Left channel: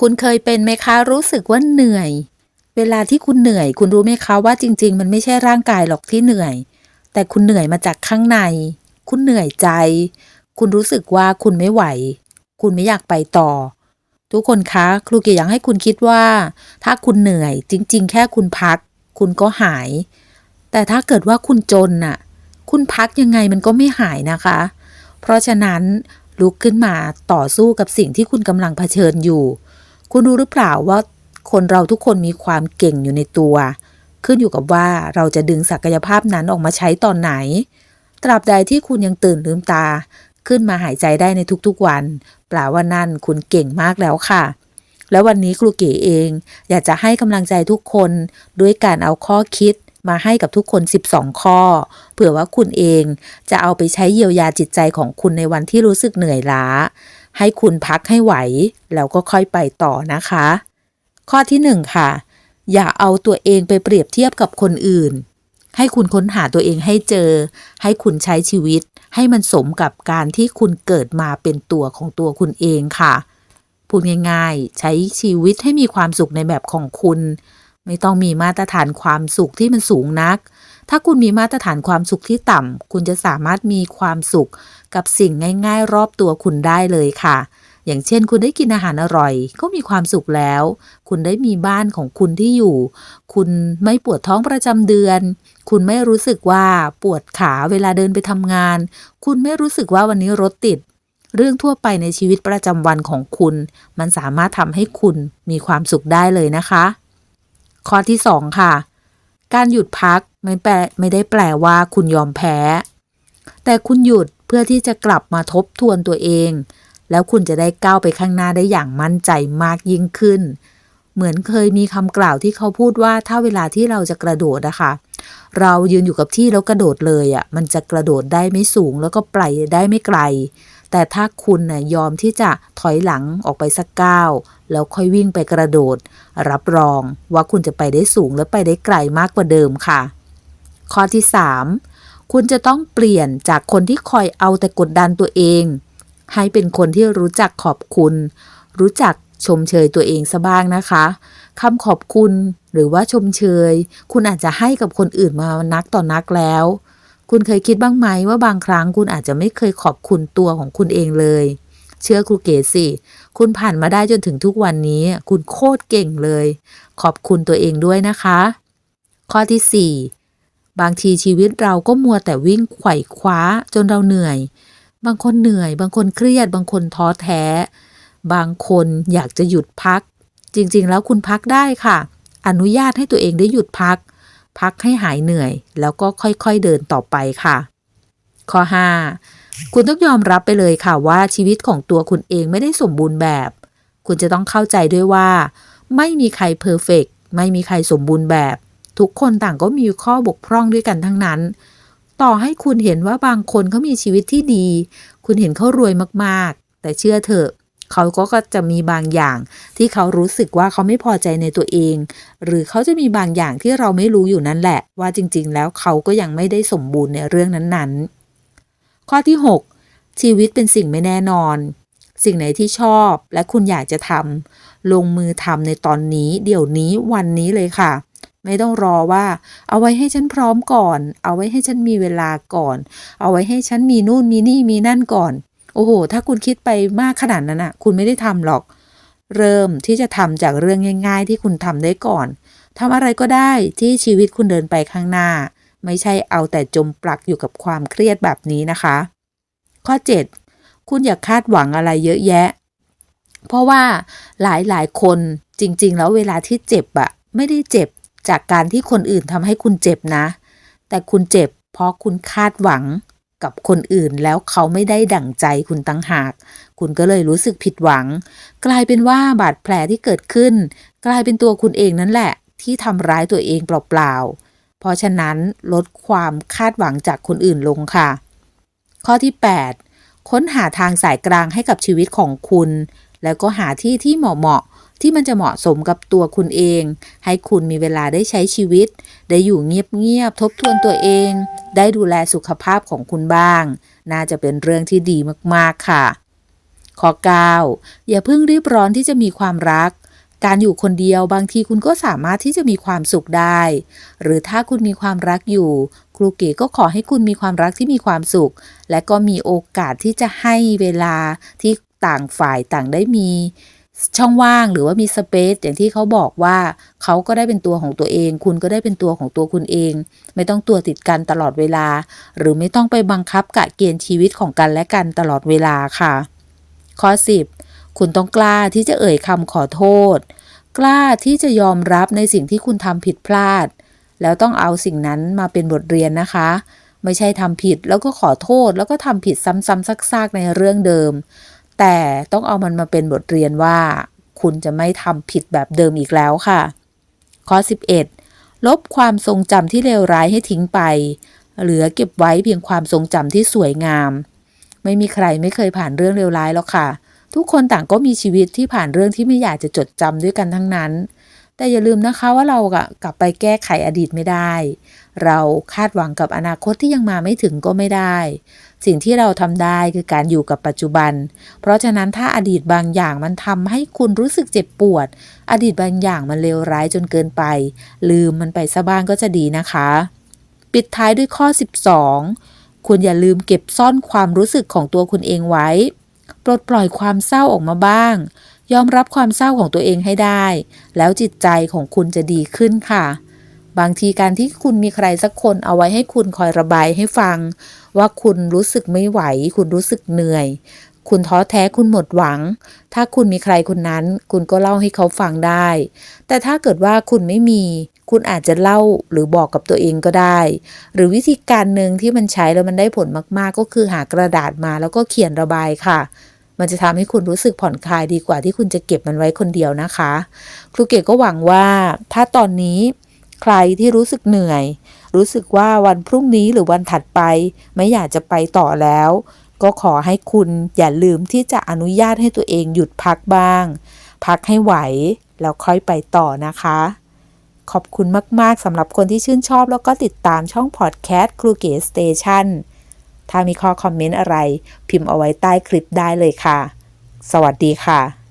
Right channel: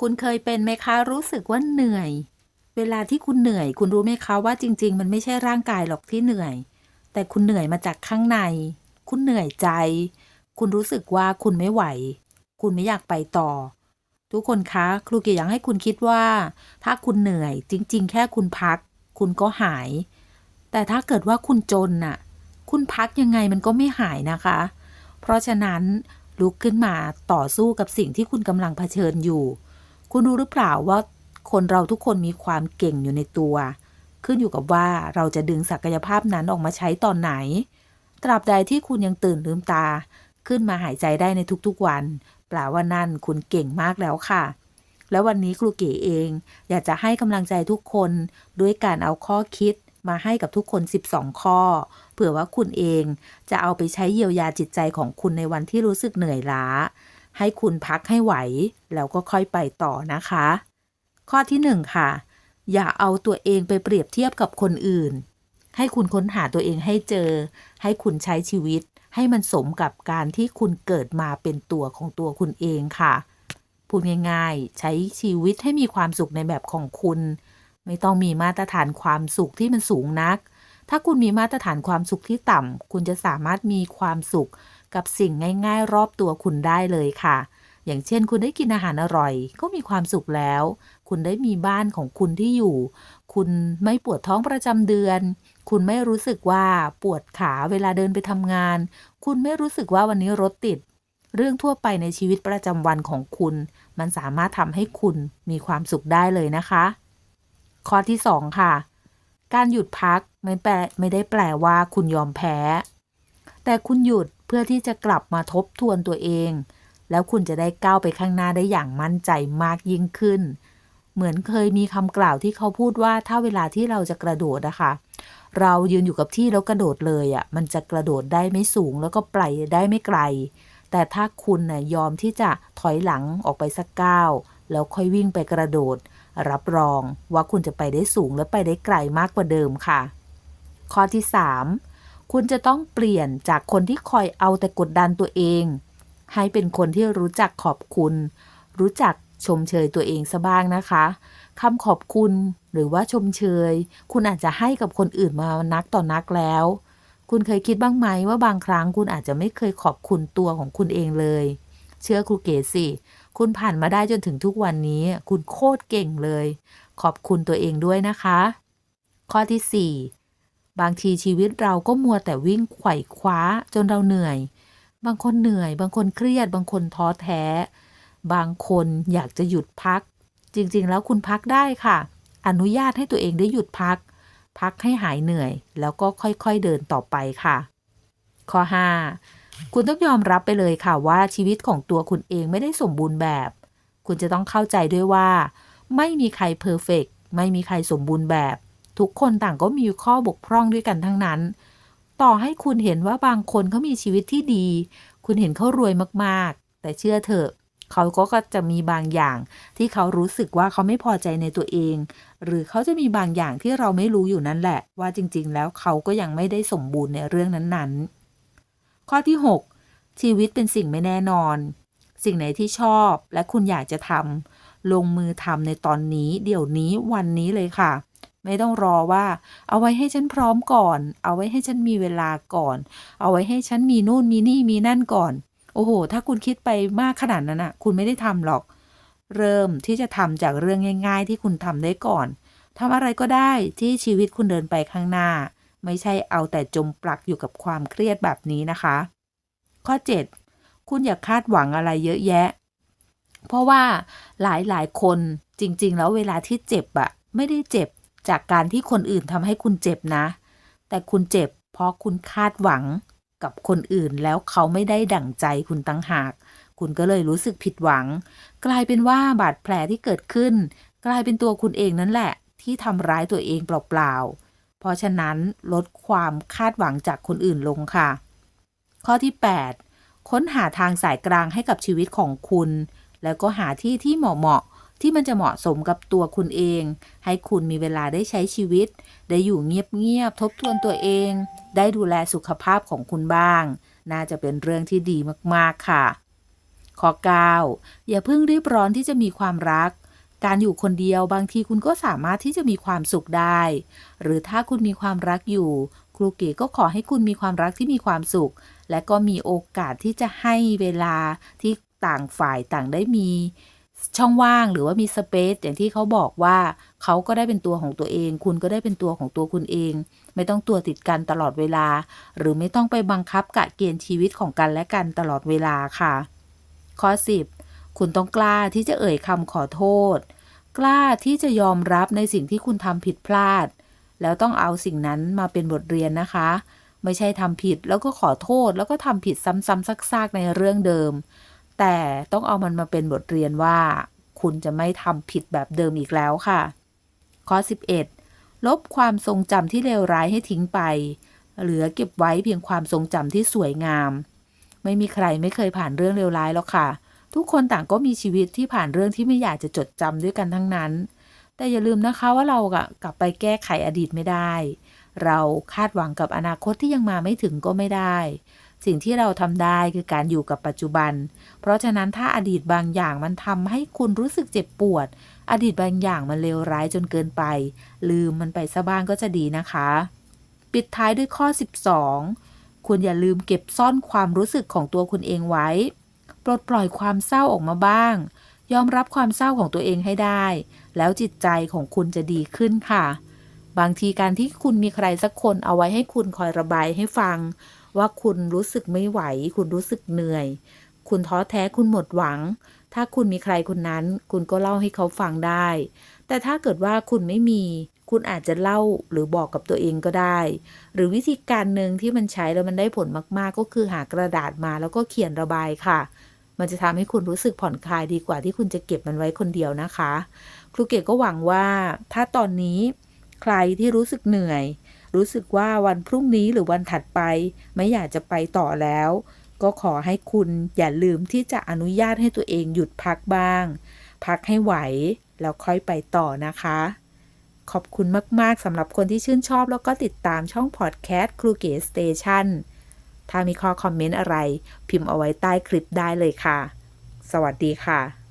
คุณเคยเป็นไหมคะรู้สึกว่าเหนื่อย เวลาที่คุณเหนื่อย คุณรู้ไหมคะว่าจริง ๆ มันไม่ใช่ร่างกายหรอกที่เหนื่อย แต่คุณเหนื่อยมาจากข้างใน คุณเหนื่อยใจ คุณรู้สึกว่าคุณไม่ไหว คุณไม่อยากไปต่อ ทุกคนคะครูเกียร์อยากให้คุณคิดว่า ถ้าคุณเหนื่อย จริง ๆ แค่คุณพัก คุณก็หาย แต่ถ้าเกิดว่าคุณจนน่ะ คุณพักยังไงมันก็ไม่หายนะคะ เพราะฉะนั้นลุกขึ้นมาต่อสู้กับสิ่งที่คุณกำลังเผชิญอยู่ คุณรู้หรือเปล่าว่าคนเราทุกคนมีความเก่งอยู่ในตัว ขึ้นอยู่กับว่าเราจะดึงศักยภาพนั้นออกมาใช้ตอนไหน ตราบใดที่คุณยังตื่นลืมตา ขึ้นมาหายใจได้ในทุกๆวันแปลว่านั่นคุณเก่งมากแล้วค่ะ แล้ววันนี้ครูเก๋เอง อยากจะให้กำลังใจทุกคนด้วยการเอาข้อคิดมาให้กับทุกคน 12 ข้อ เผื่อว่าคุณเองจะเอาไปใช้เยียวยาจิตใจของคุณในวันที่รู้สึกเหนื่อยล้า ให้คุณพักให้ไหว แล้วก็ค่อยไปต่อนะคะ ข้อที่หนึ่งค่ะ อย่าเอาตัวเองไปเปรียบเทียบกับคนอื่น ให้คุณค้นหาตัวเองให้เจอ ให้คุณใช้ชีวิต ให้มันสมกับการที่คุณเกิดมาเป็นตัวของตัวคุณเองค่ะพูดง่ายๆ ใช้ชีวิตให้มีความสุขในแบบของคุณ ไม่ต้องมีมาตรฐานความสุขที่มันสูงนัก ถ้าคุณมีมาตรฐานความสุขที่ต่ำคุณจะสามารถมีความสุข กับสิ่งง่าย ๆ รอบตัวคุณได้เลยค่ะ อย่างเช่น คุณได้กินอาหารอร่อย ก็มีความสุขแล้ว คุณได้มีบ้านของคุณที่อยู่ คุณไม่ปวดท้องประจำเดือน คุณไม่รู้สึกว่าปวดขาเวลาเดินไปทำงาน คุณไม่รู้สึกว่าวันนี้รถติดเรื่องทั่วไปในชีวิตประจำวันของคุณ มันสามารถทำให้คุณมีความสุขได้เลยนะคะ ข้อที่ 2 ค่ะ การหยุดพักไม่แปลไม่ได้แปลว่าคุณยอมแพ้ แต่คุณหยุด เพื่อที่จะกลับมาทบทวนตัวเอง แล้วคุณจะได้ก้าวไปข้างหน้าได้อย่างมั่นใจมากยิ่งขึ้น เหมือนเคยมีคำกล่าวที่เขาพูดว่าถ้าเวลาที่เราจะกระโดดนะคะเรายืนอยู่กับที่แล้วกระโดดเลยอะ่ะมันจะกระโดดได้ไม่สูงแล้วก็ไปได้ไม่ไกล แต่ถ้าคุณน่ะยอมที่จะถอยหลังออกไปสักก้าวแล้วค่อยวิ่งไปกระโดด รับรองว่าคุณจะไปได้สูงและไปได้ไกลมากกว่าเดิมค่ะ ข้อที่ 3 คุณจะต้องเปลี่ยนจากคนที่คอยเอาแต่กดดันตัวเอง ให้เป็นคนที่รู้จักขอบคุณ รู้จักชมเชยตัวเองซะบ้างนะคะคำขอบคุณหรือว่าชมเชย คุณอาจจะให้กับคนอื่นมานักต่อนักแล้ว คุณเคยคิดบ้างไหมว่าบางครั้งคุณอาจจะไม่เคยขอบคุณตัวของคุณเองเลย เชื่อครูเก๋สิ คุณผ่านมาได้จนถึงทุกวันนี้ คุณโคตรเก่งเลย ขอบคุณตัวเองด้วยนะคะ ข้อที่ 4 บางทีชีวิตเราก็มัวแต่วิ่งไขว่คว้าจนเราเหนื่อย บางคนเหนื่อย บางคนเครียด บางคนท้อแท้ บางคนอยากจะหยุดพัก จริงๆ แล้วคุณพักได้ค่ะ อนุญาตให้ตัวเองได้หยุดพัก พักให้หายเหนื่อย แล้วก็ค่อยๆเดินต่อไปค่ะ ข้อ 5 คุณต้องยอมรับไปเลยค่ะว่าชีวิตของตัวคุณเองไม่ได้สมบูรณ์แบบ คุณจะต้องเข้าใจด้วยว่า ไม่มีใครเพอร์เฟกไม่มีใครสมบูรณ์แบบ ทุกคนต่างก็มีข้อบกพร่องด้วยกันทั้งนั้น ต่อให้คุณเห็นว่าบางคนเขามีชีวิตที่ดี คุณเห็นเขารวยมากๆ แต่เชื่อเถอะเขาก็จะมีบางอย่างที่เขารู้สึกว่าเขาไม่พอใจในตัวเอง หรือเขาจะมีบางอย่างที่เราไม่รู้อยู่นั่นแหละ ว่าจริง ๆ แล้วเขาก็ยังไม่ได้สมบูรณ์ในเรื่องนั้นๆ ข้อที่ 6 ชีวิตเป็นสิ่งไม่แน่นอน สิ่งไหนที่ชอบและคุณอยากจะทำลงมือทำในตอนนี้ เดี๋ยวนี้วันนี้เลยค่ะ ไม่ต้องรอว่า เอาไว้ให้ฉันพร้อมก่อน เอาไว้ให้ฉันมีเวลาก่อน เอาไว้ให้ฉันมีนู่นมีนี่มีนั่นก่อน โอ้โห ถ้าคุณคิดไปมากขนาดนั้นอะคุณไม่ได้ทำหรอก เริ่มที่จะทำจากเรื่องง่าย ๆ ที่คุณทำได้ก่อนทำอะไรก็ได้ที่ชีวิตคุณเดินไปข้างหน้า ไม่ใช่เอาแต่จมปลักอยู่กับความเครียดแบบนี้นะคะ ข้อ 7 คุณอย่าคาดหวังอะไรเยอะแยะ เพราะว่าหลายๆคนจริง ๆ แล้วเวลาที่เจ็บอะไม่ได้เจ็บ จากการที่คนอื่นทำให้คุณเจ็บนะ แต่คุณเจ็บเพราะคุณคาดหวังกับคนอื่นแล้วเขาไม่ได้ดั่งใจคุณตั้งหาก คุณก็เลยรู้สึกผิดหวัง กลายเป็นว่าบาดแผลที่เกิดขึ้น กลายเป็นตัวคุณเองนั่นแหละ ที่ทำร้ายตัวเองเปล่าๆ เพราะฉะนั้นลดความคาดหวังจากคนอื่นลงค่ะ ข้อที่ 8 ค้นหาทางสายกลางให้กับชีวิตของคุณ แล้วก็หาที่ที่เหมาะๆ ที่มันจะเหมาะสมกับตัวคุณเอง ให้คุณมีเวลาได้ใช้ชีวิต ได้อยู่เงียบๆทบทวนตัวเอง ได้ดูแลสุขภาพของคุณบ้าง น่าจะเป็นเรื่องที่ดีมากๆค่ะ ข้อ 9 อย่าเพิ่งรีบร้อนที่จะมีความรักการอยู่คนเดียวบางทีคุณก็สามารถที่จะมีความสุขได้ หรือถ้าคุณมีความรักอยู่ ครูเก๋ก็ขอให้คุณมีความรักที่มีความสุข และก็มีโอกาสที่จะให้เวลาที่ต่างฝ่ายต่างได้มี ช่องว่างหรือว่ามีสเปซอย่างที่เขาบอกว่าเขาก็ได้เป็นตัวของตัวเอง คุณก็ได้เป็นตัวของตัวคุณเอง ไม่ต้องตัวติดกันตลอดเวลา หรือไม่ต้องไปบังคับกะเกณฑ์ชีวิตของกันและกันตลอดเวลาค่ะข้อ10 คุณต้องกล้าที่จะเอ่ยคำขอโทษ กล้าที่จะยอมรับในสิ่งที่คุณทำผิดพลาด แล้วต้องเอาสิ่งนั้นมาเป็นบทเรียนนะคะ ไม่ใช่ทำผิดแล้วก็ขอโทษแล้วก็ทำผิดซ้ำๆซากๆในเรื่องเดิม แต่ต้องเอามันมาเป็นบทเรียนว่า คุณจะไม่ทำผิดแบบเดิมอีกแล้วค่ะ ข้อ 11 ลบความทรงจำที่เลวร้ายให้ทิ้งไป เหลือเก็บไว้เพียงความทรงจำที่สวยงาม ไม่มีใครไม่เคยผ่านเรื่องเลวร้ายหรอกค่ะ ทุกคนต่างก็มีชีวิตที่ผ่านเรื่องที่ไม่อยากจะจดจำด้วยกันทั้งนั้น แต่อย่าลืมนะคะว่าเรากลับไปแก้ไขอดีตไม่ได้ เราคาดหวังกับอนาคตที่ยังมาไม่ถึงก็ไม่ได้ สิ่งที่เราทำได้คือการอยู่กับปัจจุบัน เพราะฉะนั้นถ้าอดีตบางอย่างมันทำให้คุณรู้สึกเจ็บปวด อดีตบางอย่างมันเลวร้ายจนเกินไป ลืมมันไปซะบ้างก็จะดีนะคะ ปิดท้ายด้วยข้อ 12 คุณอย่าลืมเก็บซ่อนความรู้สึกของตัวคุณเองไว้ ปลดปล่อยความเศร้าออกมาบ้าง ยอมรับความเศร้าของตัวเองให้ได้ แล้วจิตใจของคุณจะดีขึ้นค่ะ บางทีการที่คุณมีใครสักคนเอาไว้ให้คุณคอยระบายให้ฟัง ว่าคุณรู้สึกไม่ไหว คุณรู้สึกเหนื่อย คุณท้อแท้คุณหมดหวัง ถ้าคุณมีใครคนนั้น คุณก็เล่าให้เขาฟังได้ แต่ถ้าเกิดว่าคุณไม่มี คุณอาจจะเล่าหรือบอกกับตัวเองก็ได้ หรือวิธีการหนึ่งที่มันใช้แล้วมันได้ผลมาก ๆ ก็คือหากระดาษมาแล้วก็เขียนระบายค่ะมันจะทำให้คุณรู้สึกผ่อนคลายดีกว่าที่คุณจะเก็บมันไว้คนเดียวนะคะ ครูเกดก็หวังว่าถ้าตอนนี้ ใครที่รู้สึกเหนื่อย รู้สึกว่าวันพรุ่งนี้หรือวันถัดไป ไม่อยากจะไปต่อแล้ว ก็ขอให้คุณอย่าลืมที่จะอนุญาตให้ตัวเองหยุดพักบ้าง พักให้ไหว แล้วค่อยไปต่อนะคะ ขอบคุณมาก ๆสำหรับคนที่ชื่นชอบแล้วก็ติดตามช่องพอดแคสต์ครูเก๋สเตชันถ้ามีข้อคอมเมนต์อะไร พิมพ์เอาไว้ใต้คลิปได้เลยค่ะ สวัสดีค่ะ